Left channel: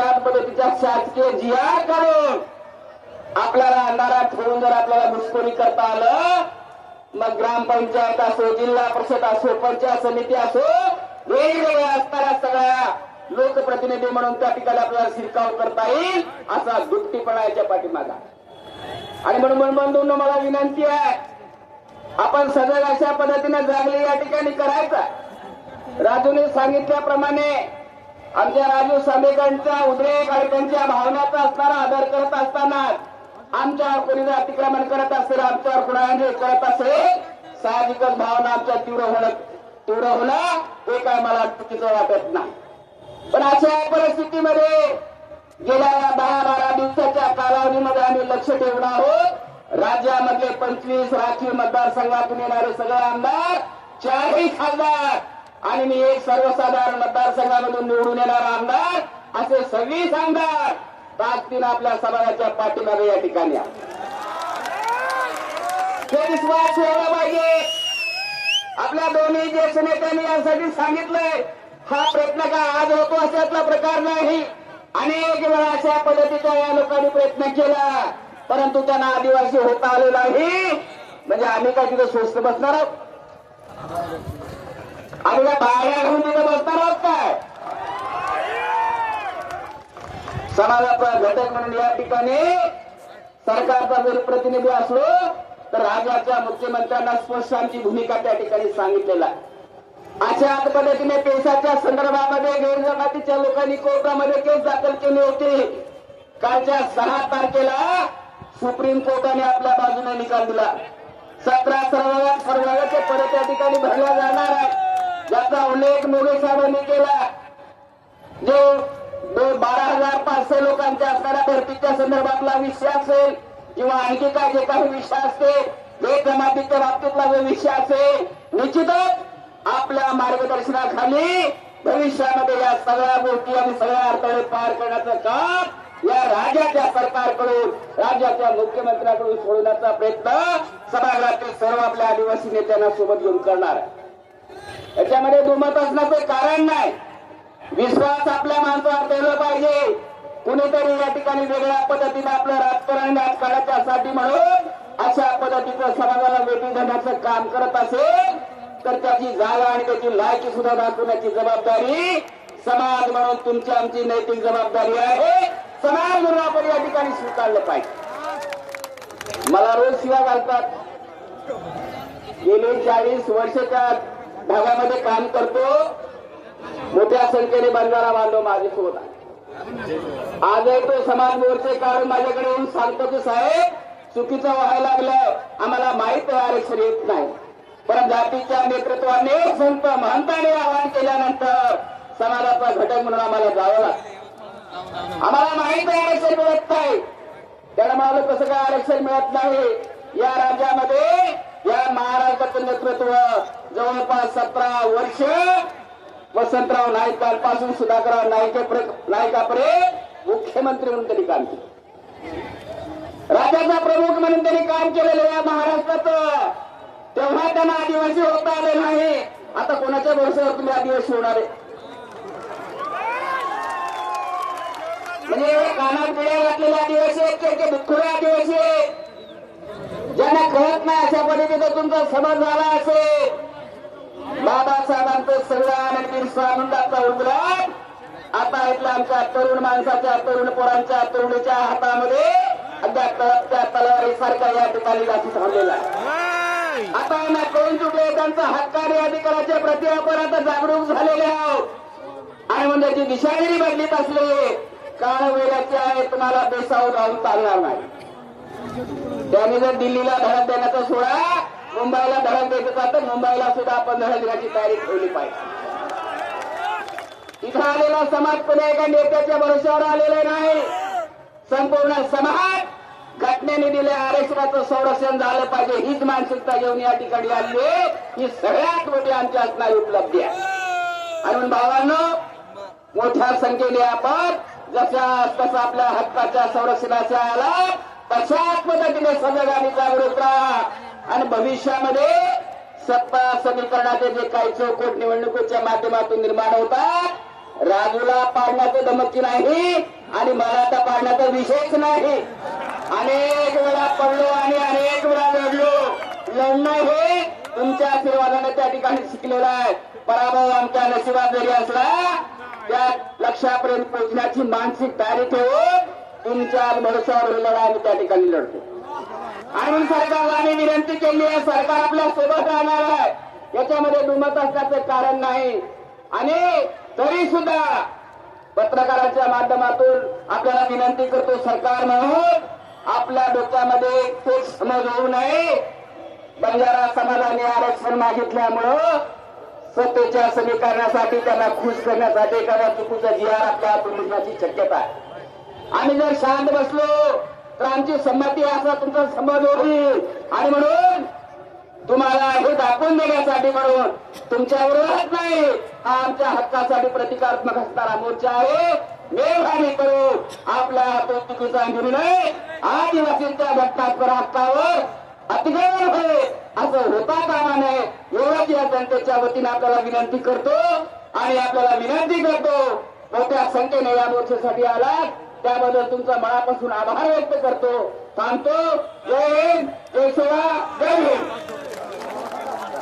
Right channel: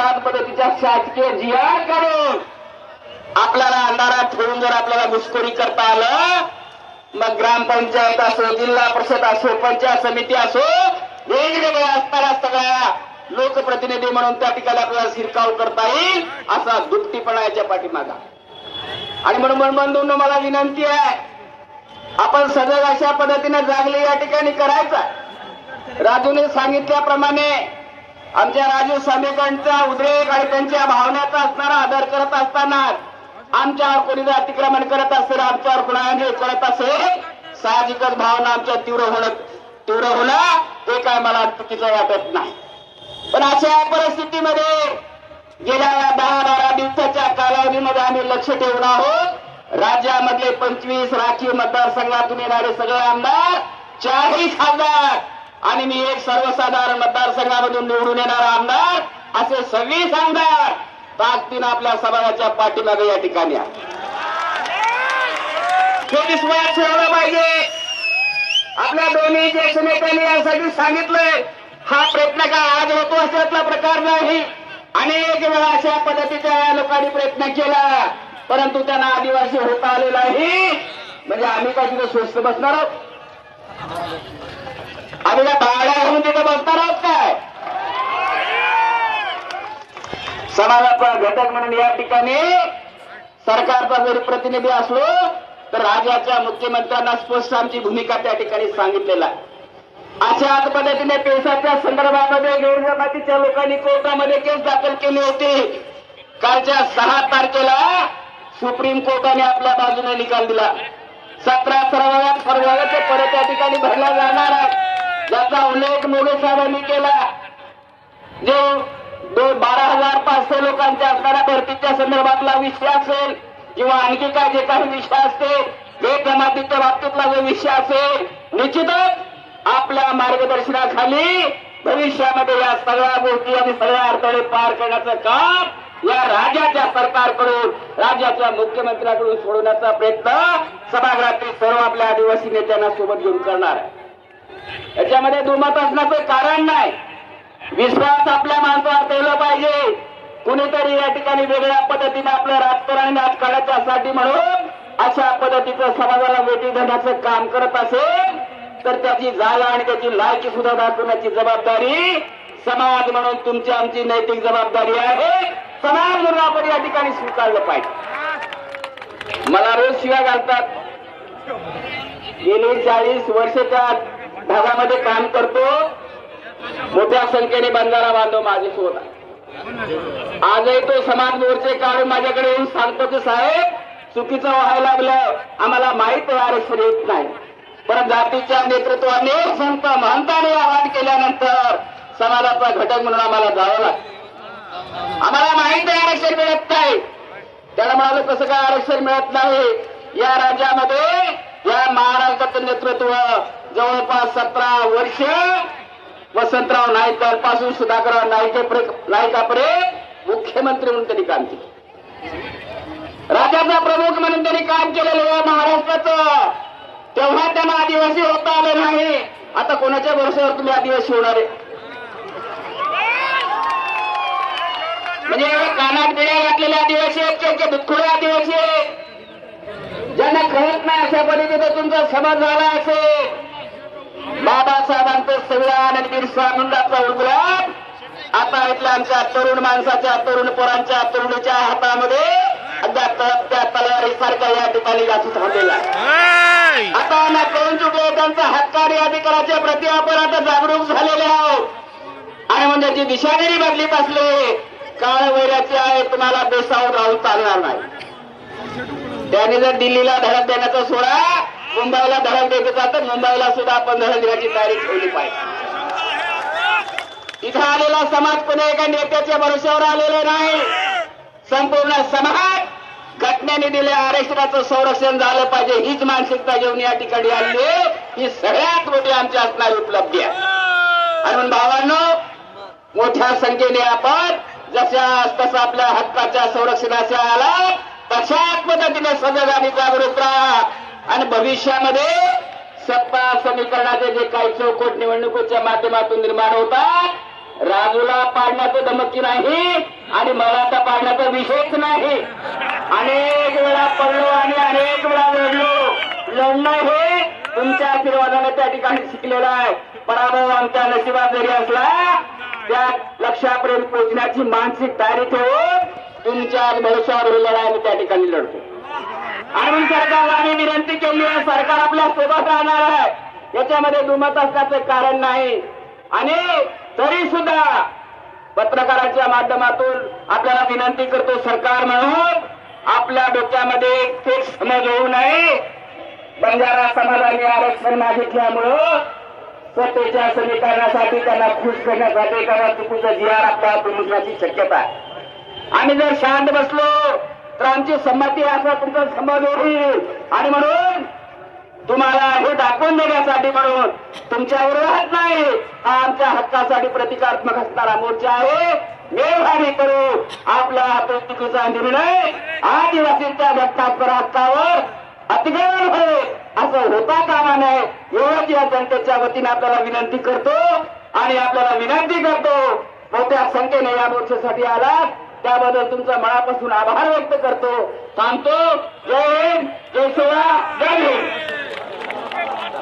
अशाच पद्धतीच्या शासकीय जिया करून आपल्याला अंधारात ठेवून जर आपल्याला घुसखोरी करता आलं मग ग्रामपंचायत असो जिल्हा परिषद असो पंचायत समिती असो वेगवेगळ्या असणाऱ्या सगळ्या लोकप्रतिनिधी म्हणून त्या ठिकाणी आपल्याला शिरकाव करता येईल असा दुपटीपणा याच्या पाठीमागा. आणि म्हणून बंधूंना मला विनंती आहे आपण सजग अशा पद्धतीने जागले या ठिकाणी करायचा. राजूने सांगितल्याप्रमाणे आमच्या राजू सामेकरांचा उद्रेक आणि त्यांच्या भावनेचा असणारा आदर करत असताना आमच्यावर कोणी जर अतिक्रमण करत असेल आमच्यावर कुणाने करत असेल साहजिकच भावना आमच्या तीव्र होणं तीव्र होणं ते काय मला चुकीचं वाटत नाही. पण अशा परिस्थितीमध्ये गेल्या दहा बारा दिवसाच्या कालावधीमध्ये आम्ही लक्ष ठेवून आहोत. राज्यामधले पंचवीस राखीव मतदारसंघातून येणारे सगळे आमदार चाळीस हजार आणि मी एक सर्वसाधारण मतदारसंघामधून निवडून येणार आमदार असे सव्वीस आमदार ताकदीनं आपल्या समाजाच्या पाठीमागे या ठिकाणी हे विश्वास ठेवला पाहिजे. आपल्या दोन्ही ज्येष्ठ नेत्यांनी यासाठी सांगितलंय. हा प्रयत्न काय आज होतो असल्यातला प्रकार नाही. अनेक वेळा अशा पद्धतीच्या लोकांनी प्रयत्न केला परंतु त्यांना आदिवासी होता आले नाही. म्हणजे आम्ही काय तिथे स्वस्त बसणार आहोत? आणि या भाड्या घेऊन तिथे बसणार आहोत काय? समाजाचा घटक म्हणून या ठिकाणी सरकारचा जरी प्रतिनिधी असलो तर राज्याच्या मुख्यमंत्र्यांना स्पष्ट आमची भूमिका त्या ठिकाणी सांगितलेला अशाच पद्धतीने पेशाच्या संदर्भामध्ये गैरजमातीच्या लोकांनी कोर्टामध्ये केस दाखल केली होती. कालच्या सहा तारखेला सुप्रीम कोर्टाने आपल्या बाजूने निकाल दिला. सतरा सर्वात सर्वांचे परत या ठिकाणी भरल्या जाणार आहे. याचा उल्लेख मोदी साहेबांनी केला. जो बारा हजार पाचशे लोकांच्या असणाऱ्या भरतीच्या संदर्भातला विषय असेल किंवा आणखी काय जे काही विषय असतील एक जमातीच्या बाबतीतला जो विषय असेल निश्चितच आपल्या मार्गदर्शनाखाली भविष्यामध्ये या सगळ्या गोष्टी आणि सगळ्या अडथळे पार करण्याचं काम या राज्याच्या सरकारकडून राज्याच्या मुख्यमंत्र्यांकडून सोडवण्याचा प्रयत्न सभागृहातील सर्व आपल्या आदिवासी नेत्यांना सोबत घेऊन करणार आहे. याच्यामध्ये दुमत असण्याचं कारण नाही. विश्वास आपल्या माणसावर ठेवला पाहिजे. कुणीतरी या ठिकाणी वेगळ्या पद्धतीने आपलं राजकारण राजकारणाच्यासाठी म्हणून अशा पद्धतीचं समाजाला वेटी देण्याचं काम करत असेल तर त्याची जागा आणि त्याची लायकी सुद्धा दाखवण्याची जबाबदारी समाज म्हणून तुमची आमची नैतिक जबाबदारी आहे. समाज म्हणून आपण या ठिकाणी स्वीकारलं पाहिजे. मला रोज शिवा घालतात. गेली चाळीस वर्ष त्यात भागामध्ये काम करतो. मोठ्या संख्येने बंधारा बांधव माझ्यासोबत आहे आजही तो समाज मोर्चे काढून माझ्याकडे येऊन सांगतो की साहेब चुकीचं व्हायला लागलं. आम्हाला माहीत आहे आरक्षण येत नाही. पण जातीच्या नेतृत्वाने संत महंताने आवाहन केल्यानंतर समाजाचा घटक म्हणून आम्हाला जावं लागतं. आम्हाला माहीत आहे आरक्षण मिळत नाही. त्याला म्हणाल कसं काय आरक्षण मिळत नाही? या राज्यामध्ये या महाराष्ट्राचं नेतृत्व जवळपास सतरा वर्ष वसंतराव नाईकांपासून सुधाकरराव नाईके नाईकापर्यंत मुख्यमंत्री म्हणून त्यांनी काम केलं. राज्याचा प्रमुख म्हणून त्यांनी काम केलेलं या महाराष्ट्राचं तेव्हा त्यांना आदिवासी होता आले नाही. आता कोणाच्या भरोश्यावर तुम्ही आदिवासी होणार आहे? म्हणजे एवढं कानात बिड्या घातलेले आदिवासी आहेत की- आदिवासी आहेत? ज्यांना कळत नाही अशा पद्धतीचा तुमचा समाज झाला असेल. बाबासाहेबांचं संविधान बिरसा मुंडाचा उद्रेक आता इथल्या आमच्या तरुण माणसाच्या तरुण पोरांच्या तरुणीच्या हातामध्ये त्या तलवारीसारखा या ठिकाणी जास्त थांबलेला आता ना कळून चुकले त्यांचा हक्काने अधिकाराच्या प्रति आपण आता जागरूक झालेले आहोत. आणि म्हणजे जी दिशागिरी बदलीत असले काळ वैराची आहे तुम्हाला बेसावून राहून चालणार नाही. त्याने जर दिल्लीला धडक देण्याचा सोडा मुंबईला धडक देत तर मुंबईला सुद्धा आपण धडक देण्याची तयारी ठेवली पाहिजे. इथं आलेला समाज पुन्हा एका नेत्याच्या भरोश्यावर आलेला नाही. संपूर्ण समाज घटनेने दिले आरक्षणाचं संरक्षण झालं पाहिजे. हीच मानसिकता घेऊन या ठिकाणी आली आहे. ही सगळ्यात मोठी आमच्या असणारी उपलब्धी आहे. म्हणून भावांनो मोठ्या संख्येने आपण जशा तसं आपल्या हक्काच्या संरक्षणाच्या आला तशाच पद्धतीने सजग आणि जागरूक राहा. आणि भविष्यामध्ये सत्ता समीकरणाचे जे काही चौकट निवडणुकीच्या माध्यमातून निर्माण होतात राजूला पाडण्याचं धमकी नाही आणि मला तर पाडण्याचा विषयच नाही. अनेक वेळा पडलो आणि अनेक वेळा लढलो. लढणं हे तुमच्या आशीर्वादाने त्या ठिकाणी शिकलेलं आहे. पराभव आमच्या नशिबात जरी असला त्या लक्षापर्यंत पोहोचण्याची मानसिक तयारी ठेवून तुमच्या भरोशावर लढा आम्ही त्या ठिकाणी लढतो. आणि सरकारला आम्ही विनंती केली आहे. सरकार आपल्यासोबत राहणार आहे. याच्यामध्ये दुमत असण्याचं कारण नाही. आणि तरी सुद्धा पत्रकाराच्या माध्यमातून आपल्याला विनंती करतो सरकार म्हणून आपल्या डोक्यामध्ये एक समज होऊ नये. बंजारा समाजाने आरक्षण मागितल्यामुळं सत्तेच्या समीकरणासाठी त्यांना खुश करण्यासाठी एखादा चुकीचं जिहार आर आपल्या प्रमुखाची शक्यता आहे. आम्ही जर शांत बसलो तर आमची संमती असा तुमचा संमत होईल. आणि म्हणून तुम्हाला हे दाखवून देण्यासाठी म्हणून तुमच्या विरोधात नाही. हा आमच्या हक्कासाठी प्रतिकात्मक असणारा मोर्चा आहे. मेघाने करू. आपला प्रतिकृतीचा निर्णय आदिवासींच्या घटनात्मक हक्कावर अतिक्रमण होईल. असं होता कामा नये. एवढंच या जनतेच्या वतीने आपल्याला विनंती करतो आणि आपल्याला विनंती करतो. मोठ्या संख्येने या मोर्चासाठी आला त्याबद्दल तुमचा मनापासून आभार व्यक्त करतो. थांबतो जय हिंद जय शिवराय जय हिंद.